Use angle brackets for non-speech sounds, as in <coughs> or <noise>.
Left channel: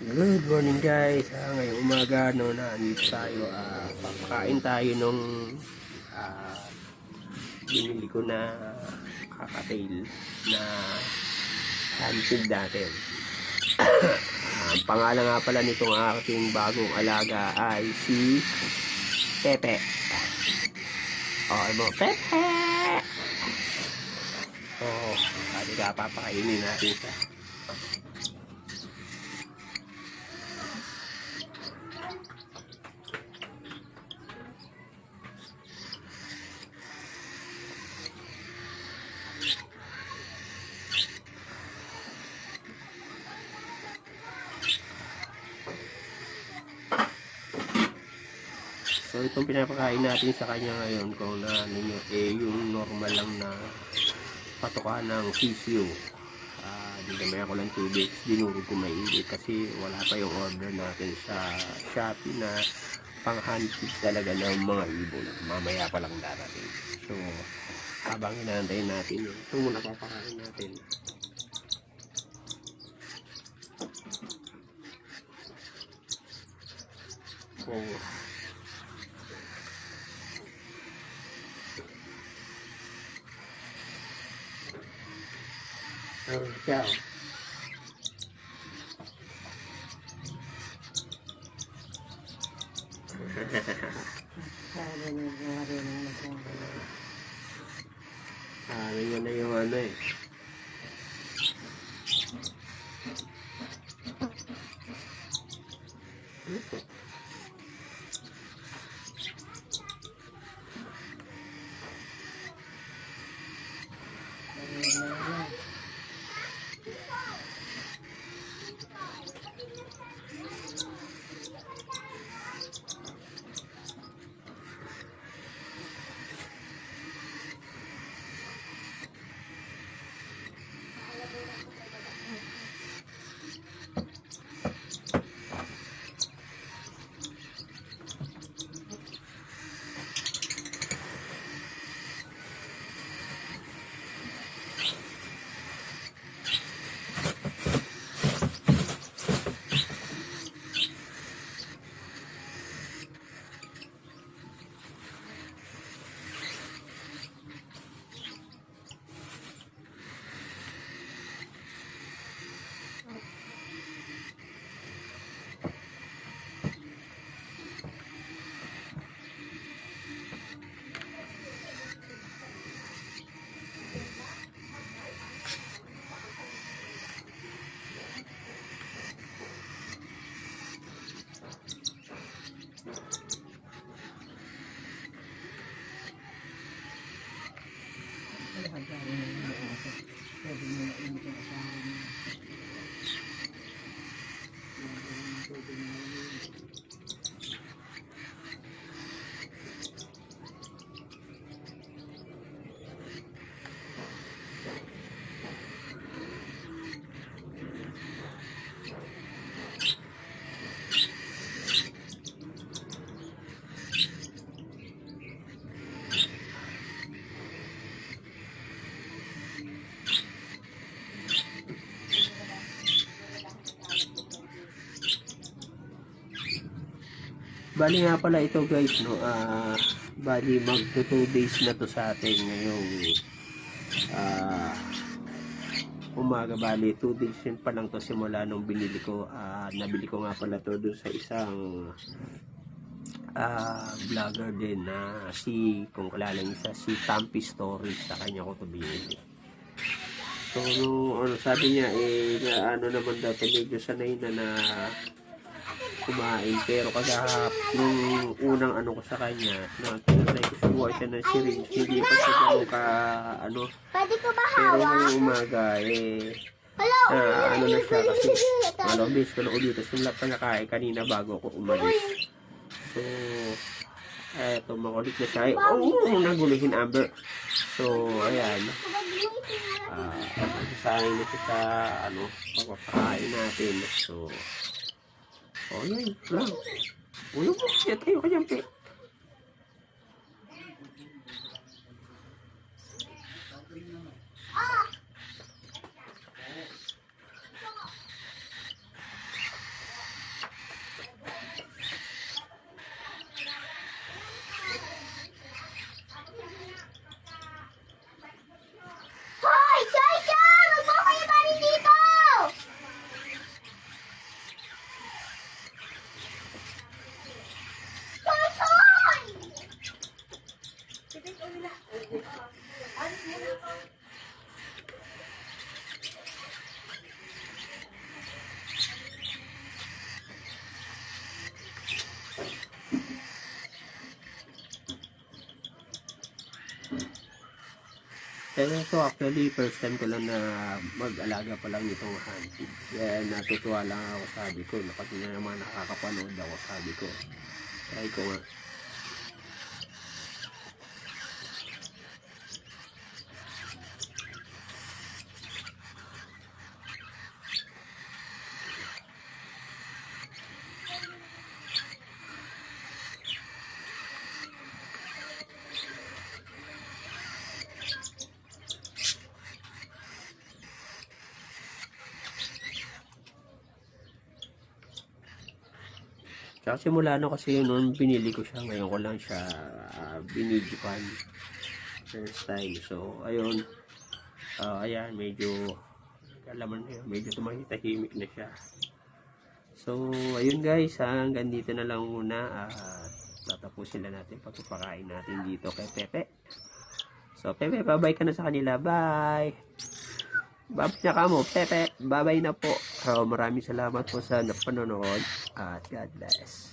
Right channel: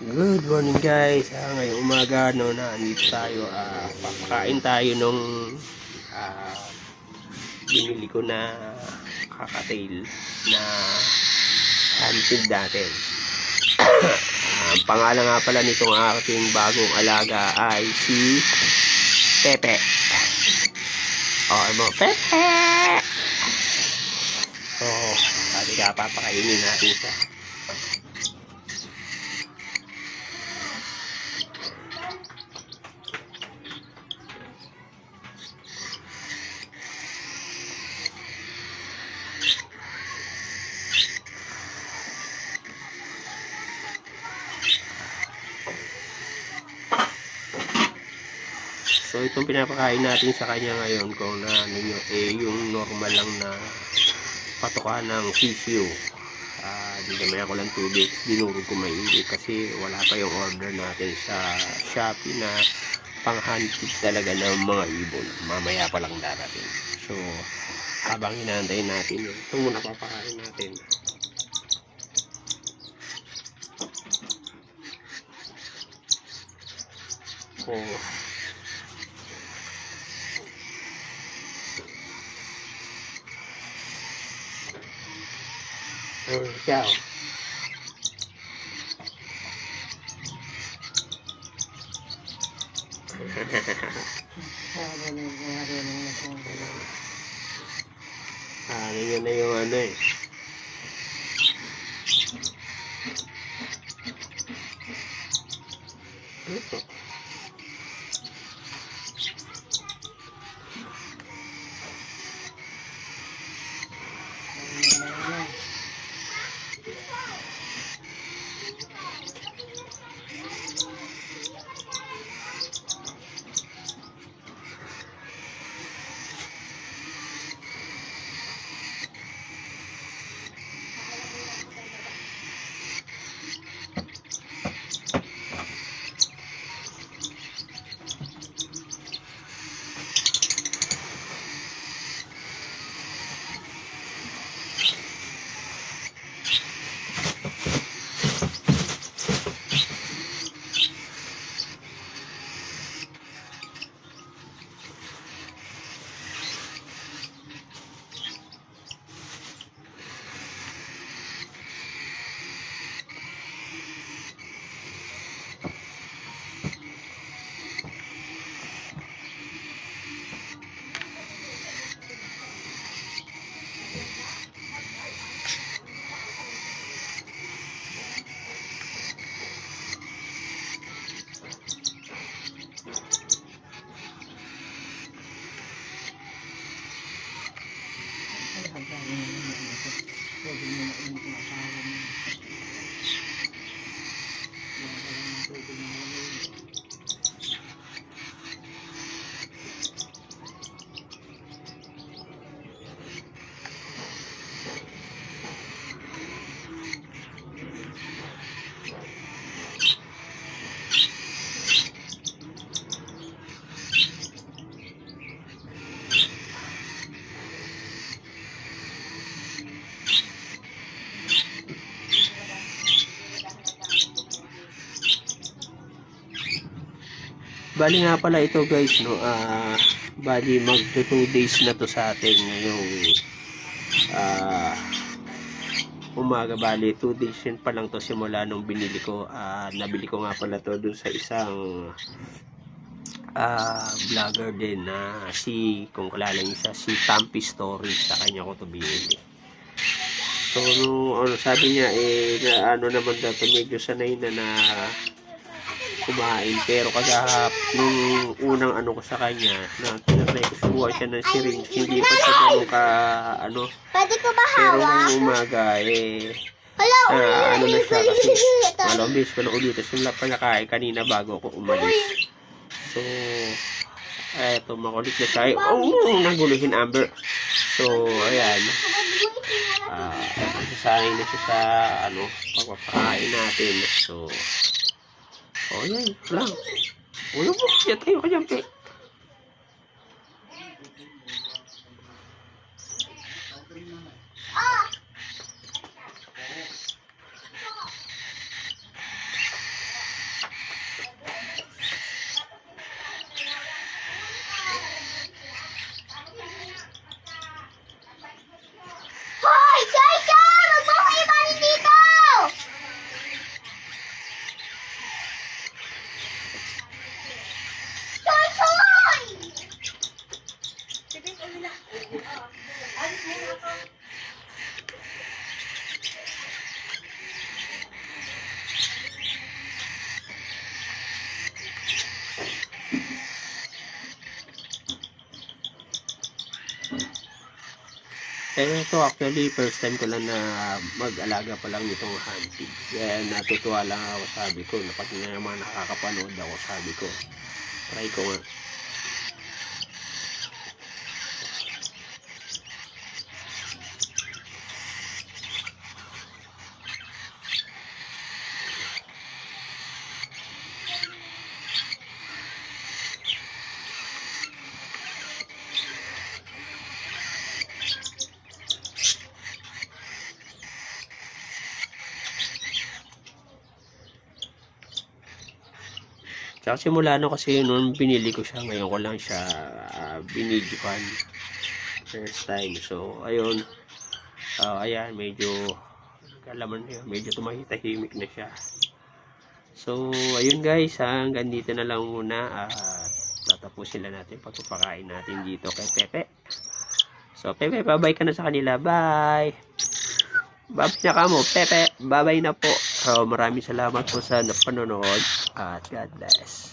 Good morning guys. Ah, ngayong umaga no na andito tayo ah papakain tayo nung ah, binili ko na kakatail na handfeed natin. <coughs> Ah, Ang pangalan nga pala nitong aking bagong alaga ay si Pepe. Oh, mo Pepe. Oh, sabi ka papakainin natin siya. So itong pinapakain natin sa kanya ngayon kung na ano nyo, eh yung normal lang na patuka ng sisiyo. Ah, di naman ako lang 2 weeks dinurog ko maigi kasi wala pa yung order natin sa Shopee na pang handfeed talaga ng mga ibon. Mamaya pa lang darating. So habang inaantay natin yun, ito muna papakain natin. Oh. Oh, siya oh. ano yun na Bali nga pala ito guys, no. Ah, bali mag 2 days na to sa atin ngayong ah umaga bali 2 days yun pa lang to simula nung binili ko. Ah, nabili ko nga pala to dun sa isang ah vlogger din na si kung kilala niyo siya si Tampi Story sa kanya ko to binili. So, no, ano, sabi niya, eh, na, ano naman daw, medyo sanay na na kumain. Pero kagahap, nung unang ano ko sa kanya, na tinatry ko subuha siya ng syringe, hindi pa siya ganun ka, ano. Pwede ko ba Pero nung umaga, eh, Hala, na, ano na siya kasi, ulit. malambis ko na ulit. Tapos yung lapang nakain kanina bago ako umalis. So, eto, makulit na siya. Oh, naguluhin Amber. So, ayan. Ah, uh, sasanay na siya sa, ano, pagpapakain natin. So, oh, yan, lang. Ulo mo, siya tayo ka dyan, pe. Eh, ito actually, first time ko lang na mag-alaga pa lang nitong hunting. Kaya natutuwa lang ako, sabi ko, na pag naman nakakapanood ako, sabi ko, try ko nga. Tsaka simula no kasi noon binili ko siya, ngayon ko lang siya uh, binidyokan. First time. So, ayun. Ah, ayan, medyo kalaman niya, medyo tumahitahimik na siya. So, ayun guys, hanggang dito na lang muna at tatapusin lang natin pagpapakain natin dito kay Pepe. So, Pepe, bye ka na sa kanila. Bye! Bye na ka mo, Pepe. Bye-bye na po. So, maraming salamat po sa napanonood at God bless.